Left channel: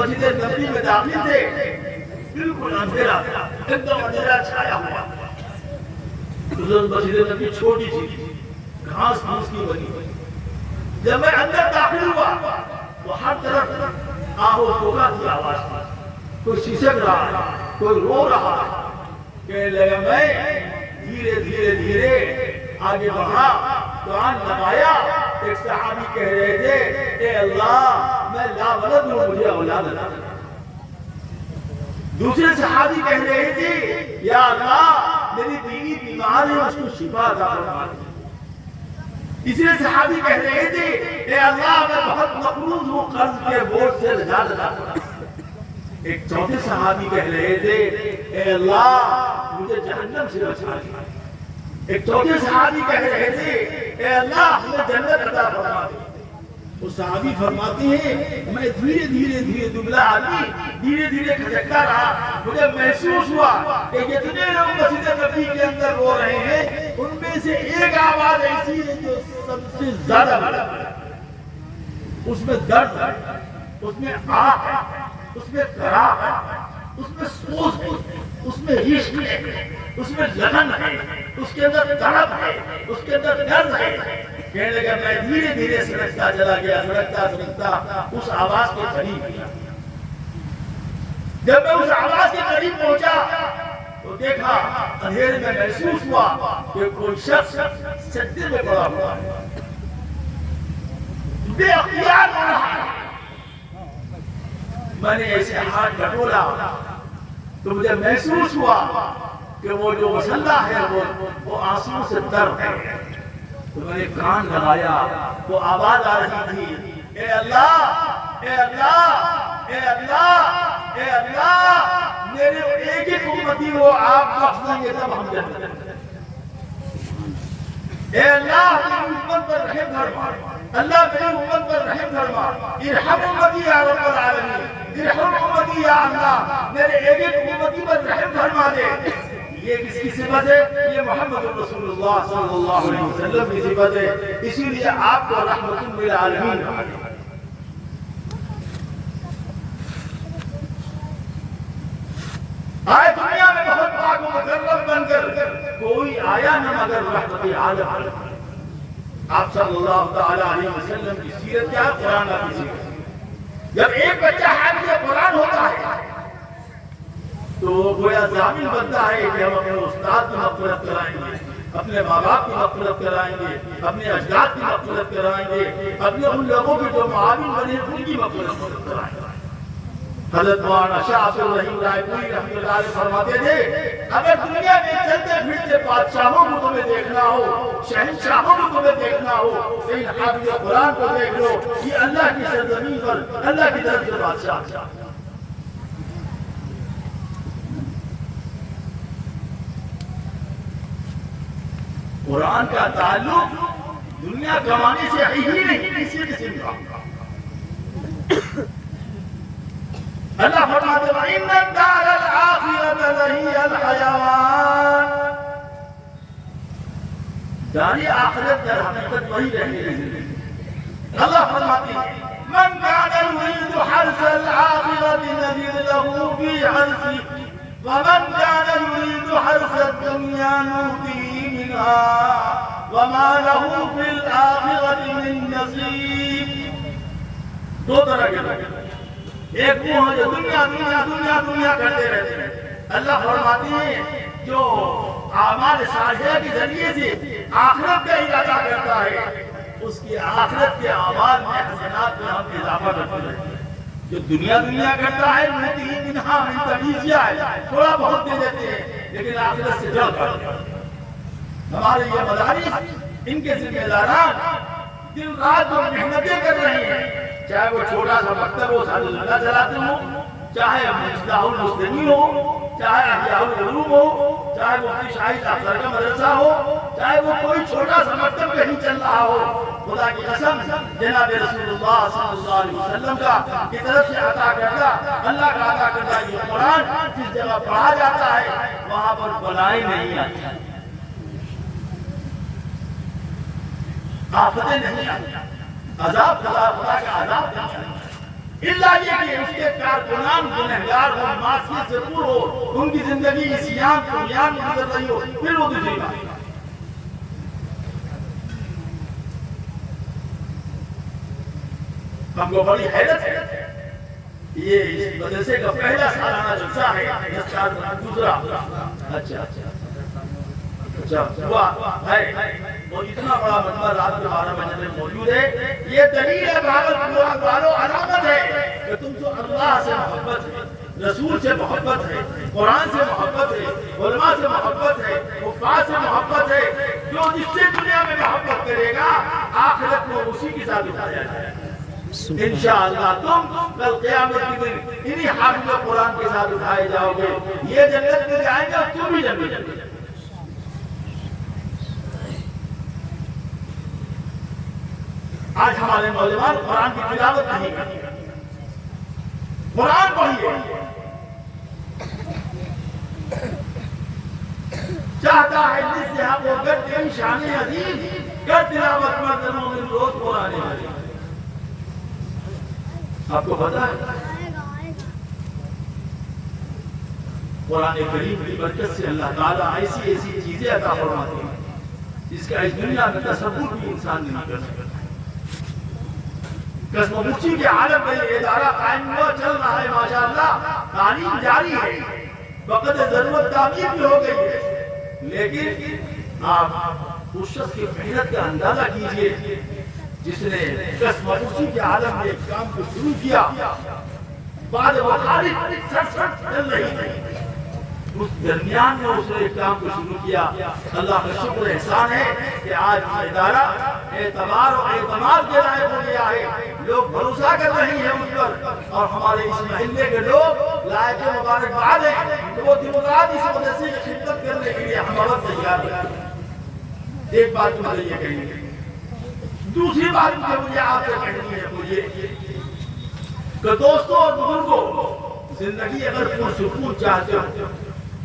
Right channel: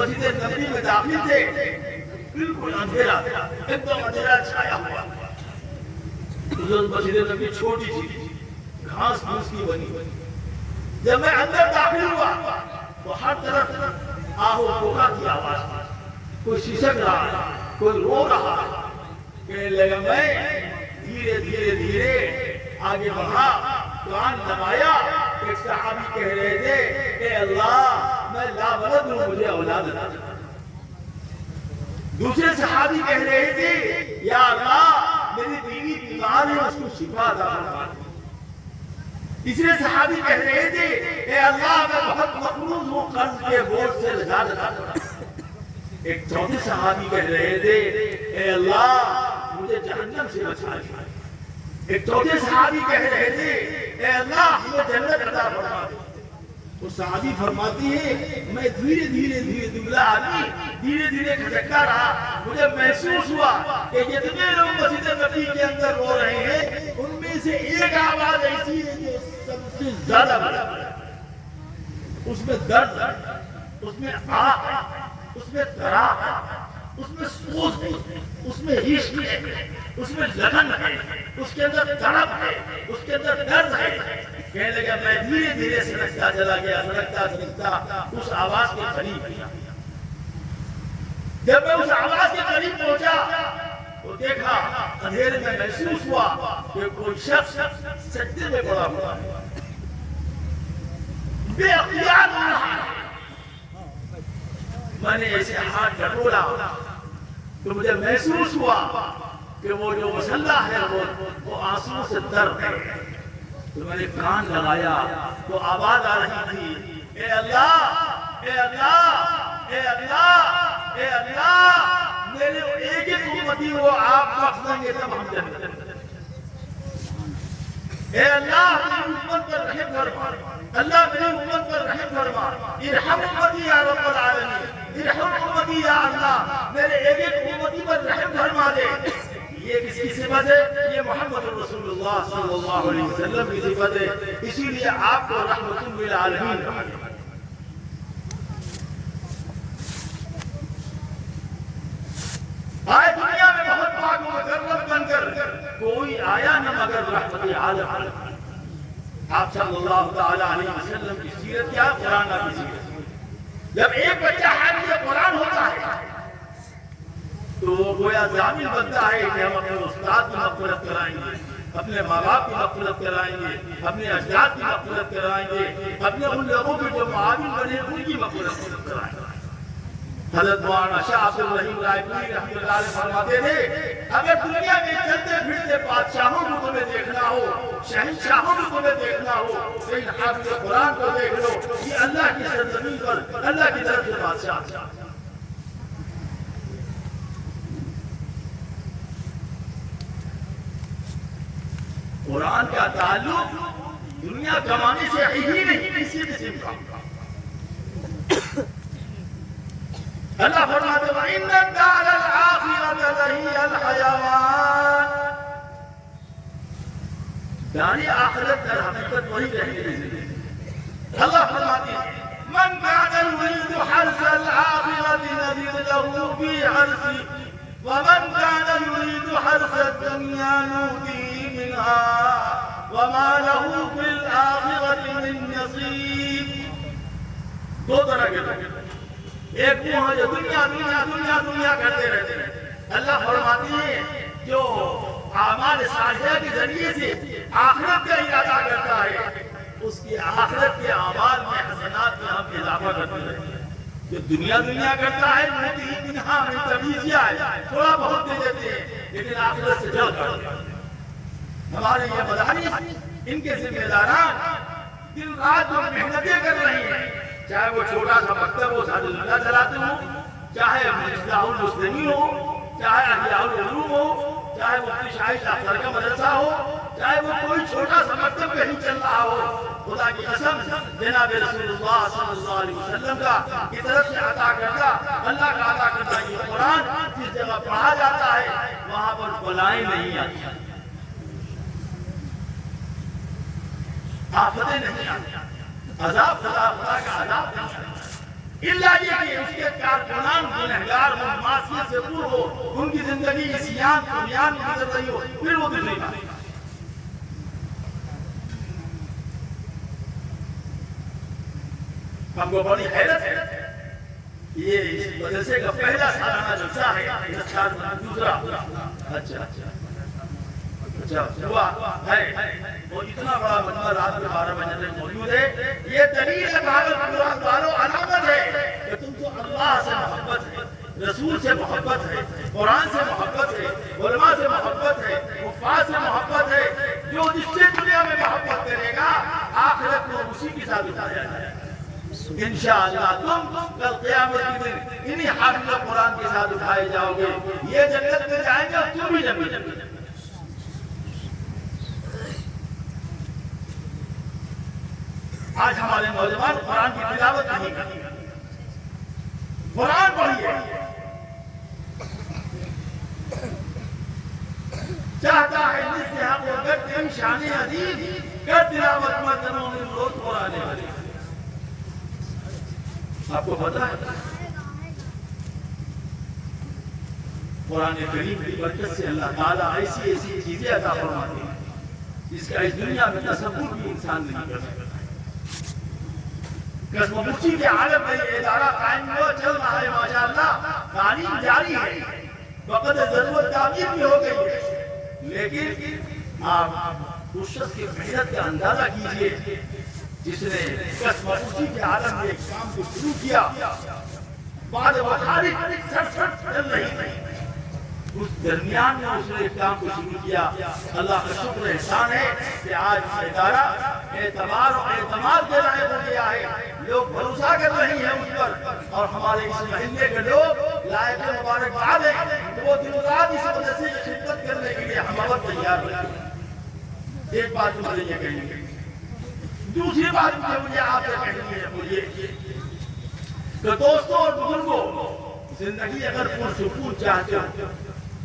مسجد نبوی میں داخل تھے بالکل اندھیرا ایک دم اندھیرا چھایا ہوا. مسجد نبوی چھوٹی سی گھاس پھوس کی بنی ہوئی. جب میں اندر داخل ہوا تو ہر طرف آہو ہوگا کی آواز تھی. کوئی سسک رہا ہے, کوئی رو رہا ہے. کہنے لگا میں دھیرے دھیرے دھیرے آگے بڑھا, قرآن لگایا. ایک صحابی کہہ رہے تھے اے اللہ میں لا ولد ہوں, مجھے اولاد عطا کر. دوسرے صحابی کہہ رہے تھے یا اللہ میری بیوی بیمار ہے, اس کو شفا عطا فرما. تیسرے صحابی کہہ رہے تھے اے اللہ میں بہت مقروض ہوں, قرض کے بوجھ سے نجات عطا فرما. ایک چوتھے صحابی کہہ رہے تھے اے اللہ مجھے جہنم سے بچا دے. ایک چوتھے صحابی کہہ رہے تھے اے اللہ ہمیں جنت عطا فرما دے. وہ صحابی فرماتی ہے میں دھیرے دھیرے دبلا آدمی دھیرے دھیرے کھجکتا رہا. مجھے محسوس ہوا کہ جتنے لوگ مسجد نبوی کے اندر رو رہے ہیں ان میں سے ایک آواز ایسی ہے جو سب سے زیادہ بڑھتی ہے. اس میں درد ہے, اس میں آہ ہے, اس میں کراہ ہے, اس میں سوز ہے, اس میں عشق ہے, اس میں لگن ہے, اس کے اندر تڑپ ہے, اس کے اندر درد ہے. کہنے لگا میں دھیرے دھیرے سرکتا چلا گیا, سرکتا اس آواز کے قریب. جب میں اس آواز کے قریب پہنچا تو دیکھا اندھیرے میں محسوس ہوا کہ کوئی شخص سجدے میں پڑا ہوا بے اختیار ہو رہا ہے. میں نے ایسے ہاتھ ڈٹولا تو مجھے محسوس ہوا کہ وہ جو مسلح ہے وہ آنسوں سے تر ہے. تو میں نے کان لگایا, وہ آواز آ رہی تھی اے اللہ اے اللہ اے اللہ اے اللہ میرے ایک ایک امتی وہ آپ بخش دیں گے تب ہم جنت. اے اللہ میری امت پر رحم فرما, اللہ میری امت پر رحم فرما. ارحم امتی یا رب العالمین, ارحم امتی یا اللہ میرے ایک ایک امتی پر رحم فرما دے. یہ کس کی صفت ہے؟ یہ محمد رسول اللہ صلی اللہ علیہ وسلم کی صفت ہے. اسی لیے آپ کو رحمت للعالمین کہا گیا. آئے دنیا میں بہت پاک و مکرم بن کر کوئی آیا نہ مگر رحمت عالم. آپ صلی اللہ تعالی علیہ وسلم کی سیرت کیا, قرآن کی سیرت. جب ایک بچہ حافظ قرآن ہوتا ہے تو گویا ضامن بنتا ہے کہ ہم اپنے استاد کی مغفرت کرائیں گے, اپنے ماں باپ کی مغفرت کرائیں گے, اپنے اجداد کی مغفرت کرائیں گے, اپنے ان لوگوں کے جو معاون بنے ان کی مغفرت کرائیں گے. حضرت مولانا شاہ عبد الرحیم رائے پوری رحمۃ اللہ علیہ فرماتے تھے اگر دنیا میں چلتے پھرتے بادشاہوں کو تمہیں دیکھنا ہو, شہنشاہوں کو تمہیں دیکھنا ہو, تو ان حافظ قرآن کو دیکھ لو. یہ اللہ کی سرزمین پر اللہ کی طرف سے بادشاہ. قرآن کا تعلق دنیا کمانے سے ہی نہیں, کسی قسم کا. اللہ فرماتے ہیں وَإِنَّ الدَّارَ الْآخِرَةَ لَهِيَ الْحَيَوَانُ. دار آخرت در حقیقت وہی رہنے گی. اللہ فرماتے ہیں مَنْ كَانَ يُرِيدُ حَرْثَ الْآخِرَةِ نَزِدْ لَهُ فِي حَرْثِهِ وَمَنْ كَانَ يُرِيدُ حَرْثَ الدُّنْيَا نُؤْتِهِ مِنْهَا وَمَا لَهُ فِي الْآخِرَةِ مِنْ نَصِيبٍ. دو طرح کے لوگ, ایک وہ ہے جو دنیا دنیا دنیا دنیا کرتے رہتے ہیں. اللہ فرماتے ہیں جو اعمال صالحہ کے ذریعے سے آخرت کا ارادہ کرتا ہے اس کی آخرت کے اعمال میں حسنات میں ہم اضافہ کرتے رہتے ہیں. جو دنیا دنیا کرتا ہے تھوڑا بہت دے دیتے ہیں لیکن آخرت سے ڈر کرتے ہیں. ہمارے یہ مدارس ان کے ذمہ داران دن رات جو محنتیں کر رہے ہیں, چاہے وہ چھوٹا سا مکتب ہو سعد اللہ چلاتے ہوں, چاہے اصلاح المسلمین ہو, چاہے احیاء العلوم ہو, چاہے وہ شاہی افسر کا مدرسہ ہو, چاہے وہ کوئی چھوٹا سا مکتب کہیں چل رہا ہو, خدا کی قسم جناب رسول اللہ صلی اللہ علیہ وسلم کی طرف سے عطا کرتا اللہ کا عطا کرتا یہ قرآن جس جگہ پڑھا جاتا ہے وہاں پر بلائیں نہیں آتی, آفتیں نہیں آتی, عذاب خدا کا عذاب نہیں آتا. اللہ یہ کہ اس کے کارکنان گنہگار ہو، معصیت سے پر ہو، ان کی زندگی عصیان طغیان میں گزر رہی ہو، پھر وہ دوسری بات۔ ہم کو بڑی حیرت ہے، یہ اس مدرسے کا پہلا سالانہ جلسہ ہے، دوسرا اچھا ہوا ہے، اور اتنا بڑا مجمع رات کے 12 بجے تک موجود ہے۔ یہ دلیل ہے بھاگلپور والوں، علامت ہے کہ تم تو اللہ سے محبت ہے، رسول سے محبت ہے، قرآن سے محبت ہے، علماء سے محبت ہے، حفاظ سے محبت ہے۔ جو جس سے دنیا میں محبت کرے گا آخرت کو اسی کے ساتھ بتایا جائے گا انشاءاللہ۔ تم کل قیامت کے دن انہی حافظ قرآن کے ساتھ اٹھائے جاؤ گے، یہ جنت میں جائیں گے اور تم بھی جنت میں جائیں گے۔ آج ہمارے نوجوان قرآن کی تلاوت نہیں کرتے، قرآن پڑھیے، چاہتا ہے نصیحت کو کر تیری شان عظیم، کر تلاوت مردنوں میں روز قرآن حدیث۔ آپ کو پتا ہے قرآن کریم کی برکت سے اللہ تعالیٰ ایسی ایسی چیزیں عطا فرماتے ہیں جس کا اس دنیا میں تصور بھی انسان نہیں کر سکتا۔ قسم مچی کے عالم میں یہ ادارہ قائم ہوا، چل رہا ہے ماشاءاللہ، تعلیم جاری ہے، وقت ضرورت تعمیر بھی ہو گئی ہے، لیکن آپ اس شخص کی محنت کا اندازہ کیجئے جس نے قسم مچی کے عالم میں ایک کام کو شروع کیا، بعد وہ خالد سر چل رہی نہیں، اس درمیان میں اس نے ایک کام کو شروع کیا۔ اللہ کا شکر احسان ہے کہ آج یہ ادارہ اعتبار و اعتماد کے لائق ہو گیا ہے، لوگ بھروسہ کر رہے ہیں اس پر، اور ہمارے اس محلے کے لوگ لائق مبارکباد ہیں تو وہ دن رات اس مدرسے کی خدمت کرنے کے لیے ہم بہت تیار ہیں۔ ایک بات مجھے یہ کہنی ہے، دوسری بات مجھے آپ سے کہنی ہے وہ یہ کہ دوستوں اور بزرگوں، زندگی اگر پرسکون چاہتے ہو،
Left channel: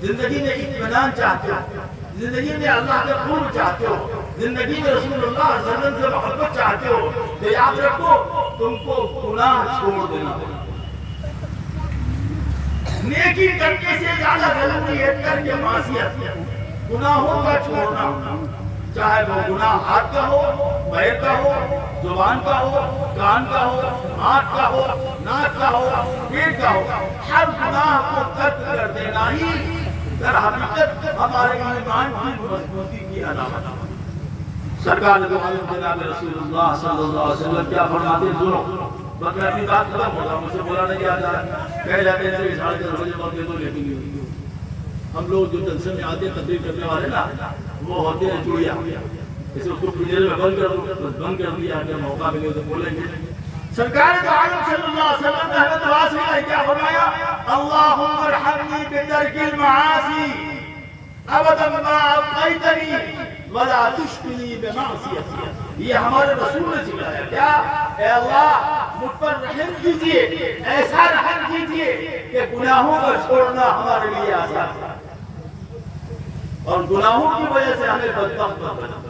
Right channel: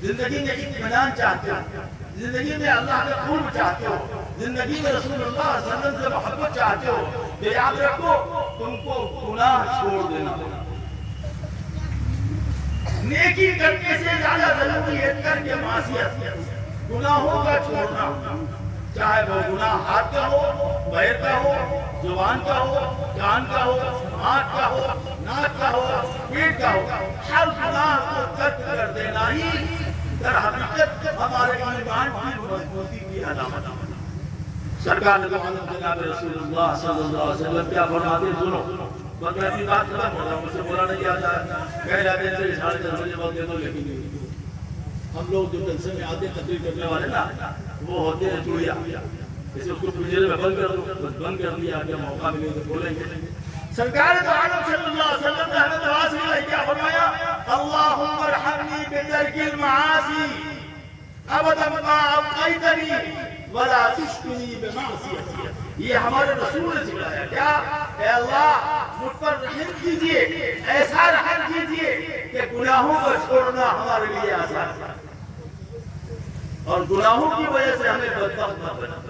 زندگی میں اطمینان چاہتے ہو، زندگی میں اللہ کا قرب چاہتے ہو، زندگی میں رسول اللہ صلی اللہ علیہ وسلم سے محبت چاہتے ہو، تو یاد رکھو تم کو گناہ چھوڑ دینا ہوگا۔ نیکی کرنے سے زیادہ ضروری ہے ترک معصیت، گناہوں کا چھوڑنا، چاہے وہ گناہ ہاتھ کا ہو، پیر کا ہو، زبان کا ہو، کان کا ہو، آنکھ کا ہو، ناک کا ہو، پیٹ کا ہو، ہر گناہ کو ترک کر دینا ہی در حقیقت ہمارے ایمان کی مضبوطی کی علامت ہے۔ سرکار دو عالم جناب رسول اللہ صلی اللہ علیہ وسلم کیا فرماتے ہیں؟ سنو، بس میں اپنی بات ختم ہوگا، مجھ سے بولا نہیں آتا ہے، پہلے آتے ہیں 10:30 بجے وقت تو لیکن ہم لوگ جو جلسے میں آتے ہیں تقریر کرنے والے نا، وہ ہوتے ہیں چڑیا، اسے اس کو پنجرے میں بند کر دو، بند کر دیا اگر موقع ملے تو بولیں گے۔ سرکار دو عالم صلی اللہ علیہ وسلم رحمت واسع نے کیا فرمایا؟ اللہم ارحمنی بترک المعاصی ابدا ما ابقیتنی ولا تشکنی بمعصیتی۔ یہ ہمارے رسول نے سکھلایا کیا؟ اے اللہ مجھ پر رحم کیجئے، ایسا رحم کیجئے کہ گناہوں کو چھوڑنا ہمارے لیے آسان ہے، اور گناہوں کی وجہ سے ہمیں بدبخت نہ بنا۔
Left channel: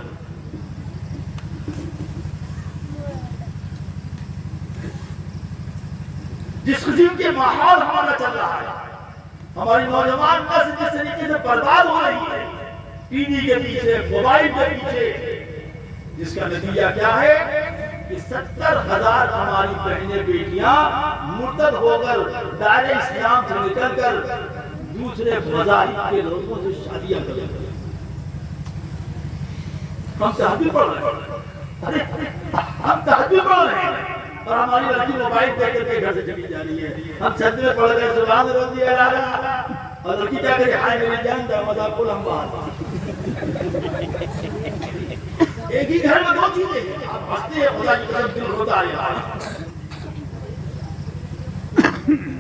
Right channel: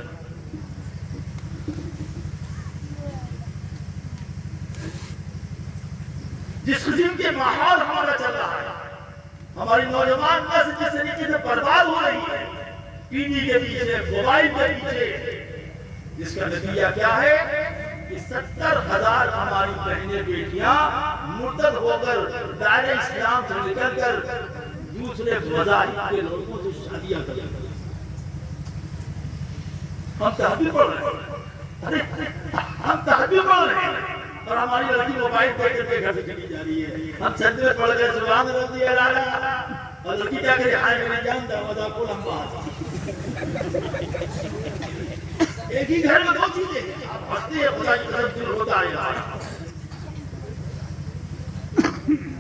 جس قسم کے ماحول ہمارا چل رہا ہے، ہماری نوجوان نسل جس طریقے سے برباد ہو رہی ہے ٹی وی کے پیچھے، موبائل کے پیچھے، جس کا نتیجہ کیا ہے کہ 70,000 ہماری بہنیں بیٹیاں مرتد ہو کر دائرہ اسلام سے نکل کر دوسرے مذاہب کے لوگوں سے شادیاں کر رہے ہیں۔ ہم تہجد پڑھ رہے ہیں، ہم تہجد پڑھ رہے ہیں اور ہماری لڑکی موبائل پہ کر کے گھر سے چلی جا رہی ہے۔ ہم سجدے پڑھ گئے سبحان ربی الاعلیٰ، اور لڑکی کیا کرے؟ ہائے میری جان دروازہ کھول ہم باہر۔ ایک ہی گھر میں دو چیزیں، آپ ہنستے ہیں خدا کی قسم دل ہوتا ہے۔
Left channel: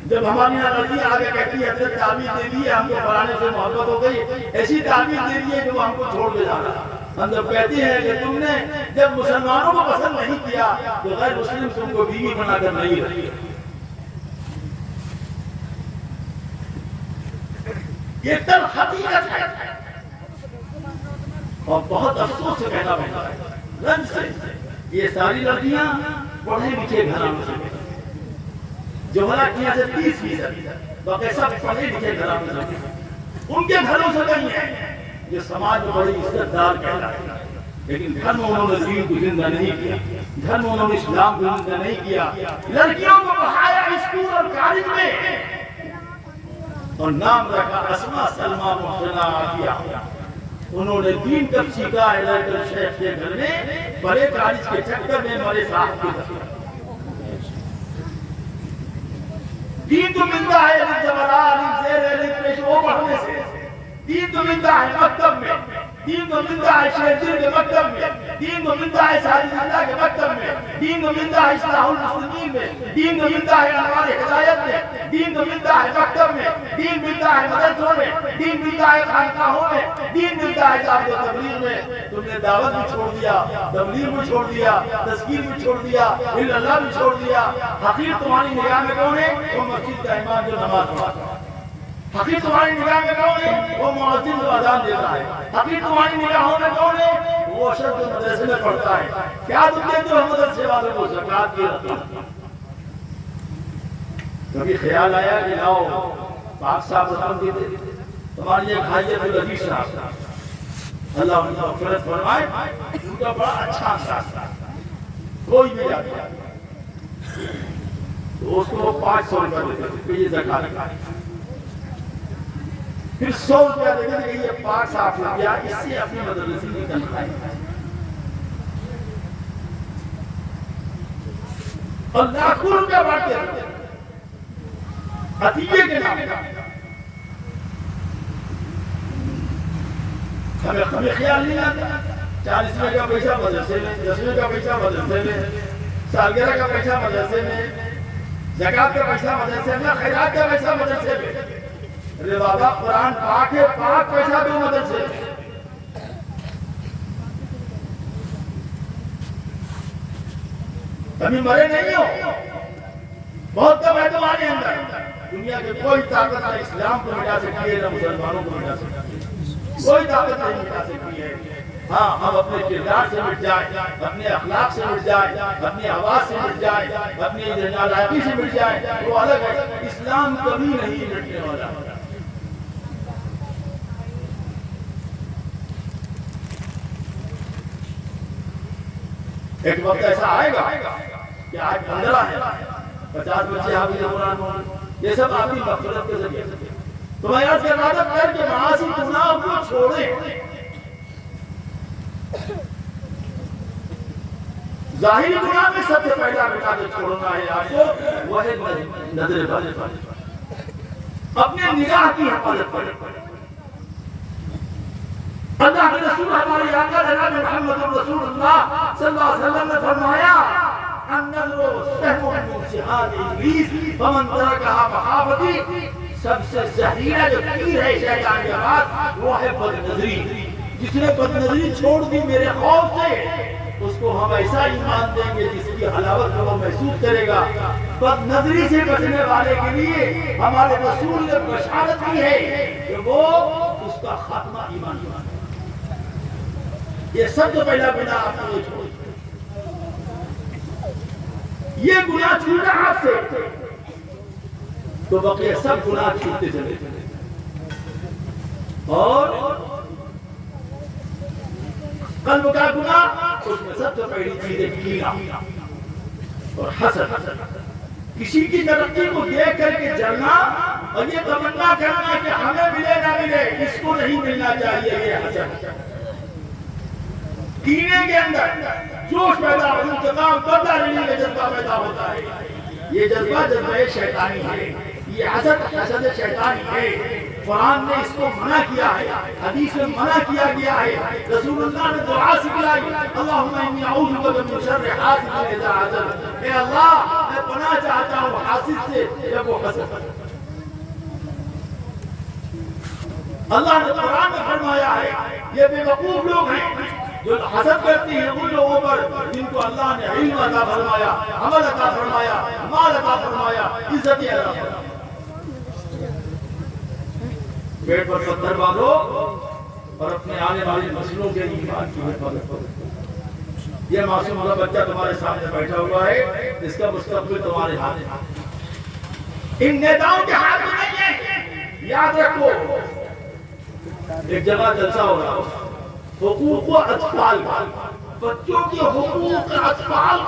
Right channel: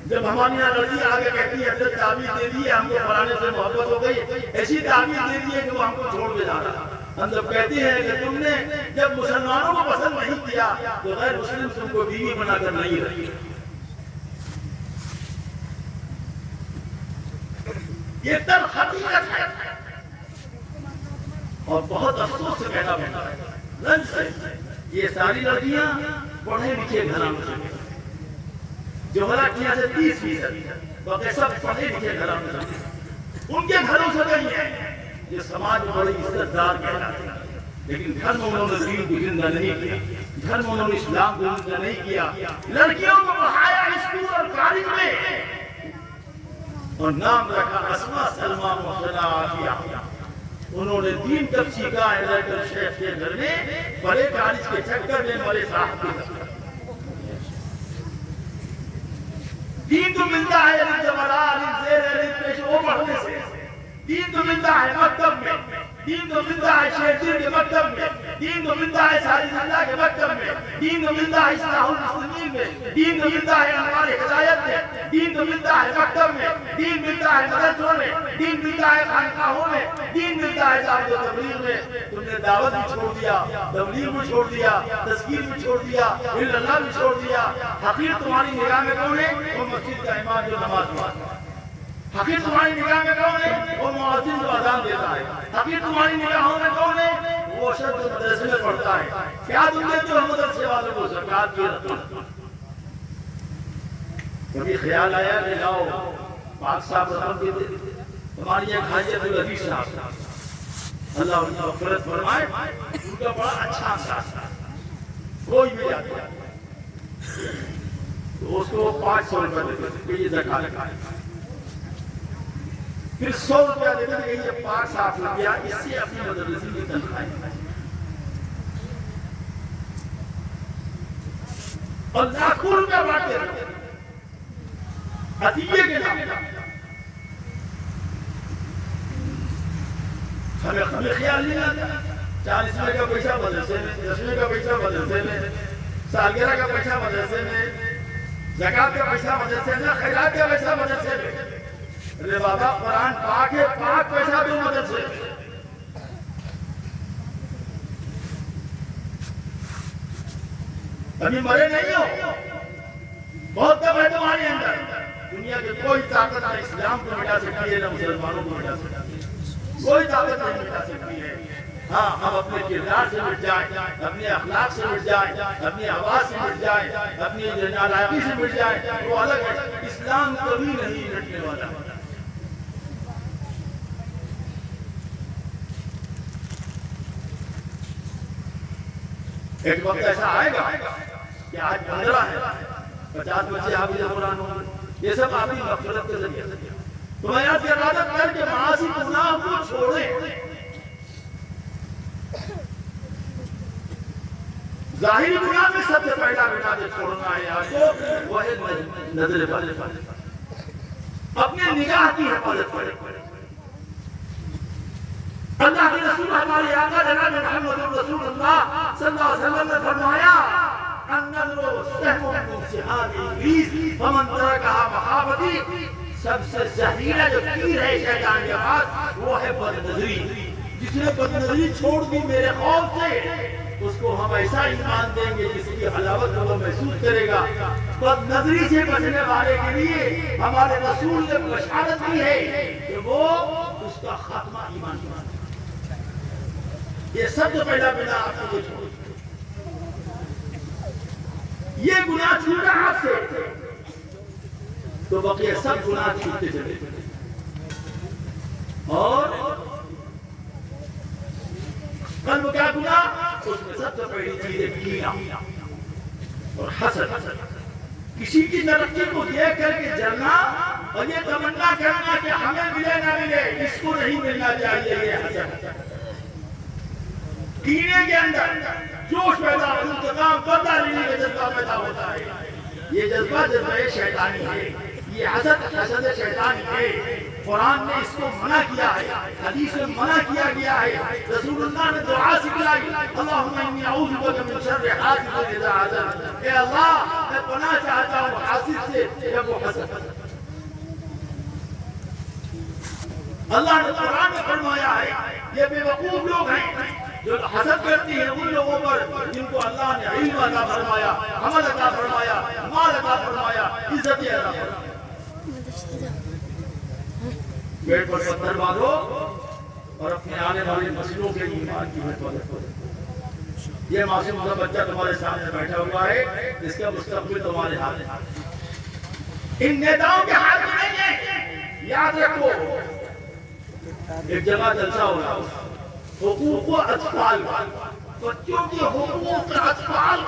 جب ہماری لڑکی آگے کہتی ہے حضرت تعبیر دے دی ہے، ہم کو فلانے سے محبت ہو گئی، ایسی تعبیر دے دی ہے کہ وہ ہم کو چھوڑ دے رہا ہے۔ ہم جب کہتے ہیں کہ تم نے جب مسلمانوں کو پسند نہیں کیا تو غیر مسلم تم کو بیوی بنا کر نہیں رکھی۔ یہ تلخ حقیقت ہے اور بہت افسوس سے کہنا پڑتا ہے، رنج سے۔ یہ ساری لڑکیاں پڑھے لکھے گھرانوں سے، جو ہلاک کیا سے 30%، باقی سب پڑھے لکھے گھروں میں، ان کے گھروں سے نہیں ہے، جو سماج میں بڑے عزت دار کہلاتے ہیں، لیکن گھر میں انہوں نے دین کو زندہ نہیں کیا، گھر میں انہوں نے اسلام کو زندہ نہیں کیا، لڑکیوں کو پڑھایا اسکول اور کالج میں اور نام رکھا اسما سلمہ محسنہ عافیہ، انہوں نے دین کب سیکھا ہے لیکن شیخ کے گھر میں بڑے کالج کے چکر میں مرے صاحب کے گھر میں دین تو ملتا ہے وہ پڑھنے سے، دین تو ملتا ہے مکتب میں، دین تو ملتا ہے شیخ دین کے مکتب میں، دین تو ملتا ہے ساجد اللہ کے مکتب میں، دین تو ملتا ہے اصلاح المسلمین میں، دین تو ملتا ہے انوار ہدایت میں، دین تو ملتا ہے مکتب میں، دین ملتا ہے مدرسوں میں، دین ملتا ہے خانقاہوں میں، دین ملتا ہے دعوت و تبلیغ میں۔ تم نے دعوت بھی چھوڑ دیا، تبلیغ بھی چھوڑ دیا، تذکیر بھی چھوڑ دیا، اللہ بھی چھوڑ دیا۔ حقیر تمہاری نگاہ میں کون ہے؟ وہ مسجد کا امام جو نماز پڑھتا ہے۔ حقیر تمہاری نگاہ میں کون ہے؟ وہ مؤذن جو اذان دیتا ہے۔ حقیر تمہاری نگاہوں میں کون ہے؟ وہ شخص جو مدرسے میں پڑھتا ہے۔ کیا تم دیتے ہو مدرسے والوں کو زکوٰۃ کی رقم؟ کبھی خیال آیا کہ لاؤ پاک صاحب رقم دیتے؟ تمہاری ایک حاجت العزیز صاحب، اللہ ان کا مغفرت فرمائے، ان کا بڑا اچھا انداز تھا، کوئی بھی جاتا ہے تو اس کو 500 روپے دیتے کہ یہ زکوٰۃ کا ہے، پھر 100 روپیہ دیتے کہ یہ پاک صاف روپیہ اس سے اپنی مدرسے کی تنخواہ ہے، اور لاکھوں روپیہ بانٹتے رہتے عطیے کے نام ہمیں خیال نہیں آتا 40ویں کا پیسہ مدرسے میں، 10ویں کا پیسہ مدرسے میں، سالگرہ کا پیسہ مدرسے میں، زکوٰۃ کا پیسہ مدرسے میں، خیرات کا پیسہ مدرسے میں۔ ارے بابا قرآن پاک ہے، پاک پیسہ بھی مدرسے میں۔ ابھی مرے نہیں ہو، بہت کم ہے تمہارے اندر۔ دنیا کی کوئی طاقت نہ اسلام کو مٹا سکتی ہے، نہ مسلمانوں کو مٹا سکتی ہے، کوئی طاقت نہیں مٹا سکتی ہے۔ ہاں ہم اپنے کردار سے مٹ جائیں، اپنے اخلاق سے مٹ جائیں، اپنی آواز سے مٹ جائیں، اپنی نالائقی سے مٹ جائیں، وہ الگ ہے۔ اسلام کبھی نہیں مٹنے والا۔ ایک وقت ایسا آئے گا کہ آج 15 ہے، 50 بچے حافظ قرآن ہوں، یہ سب آپ کی مغفرت کے ذریعے سے۔ تو میں یاد کر رہا تھا کر کے معاصی گناہ کو چھوڑیں۔ ظاہری گناہ میں سب سے پہلا مٹا دے چھوڑنا ہے آپ کو، وہ ہے نظر بد، اپنے نگاہ کی حفاظت کریں۔ اللہ کے رسول ہماری آقا جناب محمد رسول اللہ صلی اللہ علیہ وسلم نے فرمایا النظر سهم من سهام ابلیس فمن ترکها مخافتی، سب سے زہریلا جو تیر ہے شیطان کے پاس وہ ہے بد نظری۔ جس نے بد نظری چھوڑ دی میرے خوف سے، اس کو ہم ایسا ایمان دیں گے جس کی حلاوت کو وہ محسوس کرے گا۔ بد نظری سے بچنے والے کے لیے ہمارے رسول نے بشارت کی ہے کہ وہ اس کا خاتمہ ایمان کی بات ہے۔ یہ سب سے پہلا گناہ آپ کو چھوڑ، یہ گناہ چھوٹا ہاتھ سے تو بقیہ سب گناہ چھوٹتے چلے۔ اور قلب کا گناہ، اس میں سب سے پہلی چیز ہے کینہ اور حسد، کسی کی ترقی کو دیکھ کر کے جلنا اور یہ تمنا کرنا کہ ہمیں ملے نہ ملے، اس کو نہیں ملنا چاہیے، یہ حسد۔ کینے کے اندر جوش پیدا ہو، انتقام برداری کا جذبہ پیدا ہوتا ہے، یہ جذبہ جذبہ شیطانی ہے، یہ حسد شیطانی ہے۔ قرآن نے اس کو منع کیا ہے، حدیث میں منع کیا گیا ہے، رسول اللہ نے دعا سکھلائی اللہم انی اعوذ بک من شر حاسد اذا حسد، اے اللہ میں پناہ چاہتا ہوں حاسد سے جب وہ حسد۔ اللہ نے قرآن میں فرمایا ہے یہ بے وقوف لوگ ہیں جو حسد کرتے ہیں ان لوگوں پر جن کو اللہ نے علم عطا فرمایا، عمل عطا فرمایا، مال عطا فرمایا، عزت عطا فرمایا۔ پیٹ پر پتھر باندھو اور اپنے آنے والے نسلوں کے ایمان کی حفاظت کرو۔ یہ معصوم والا بچہ تمہارے سامنے بیٹھا ہوا ہے، اس کا مستقبل تمہارے ہاتھ میں۔ ان نیتاؤں کے ہاتھ میں نہیں ہے. یاد رکھو ایک جگہ جلسہ ہوگا حقوق و اطفال، بچوں کے حقوق اطفال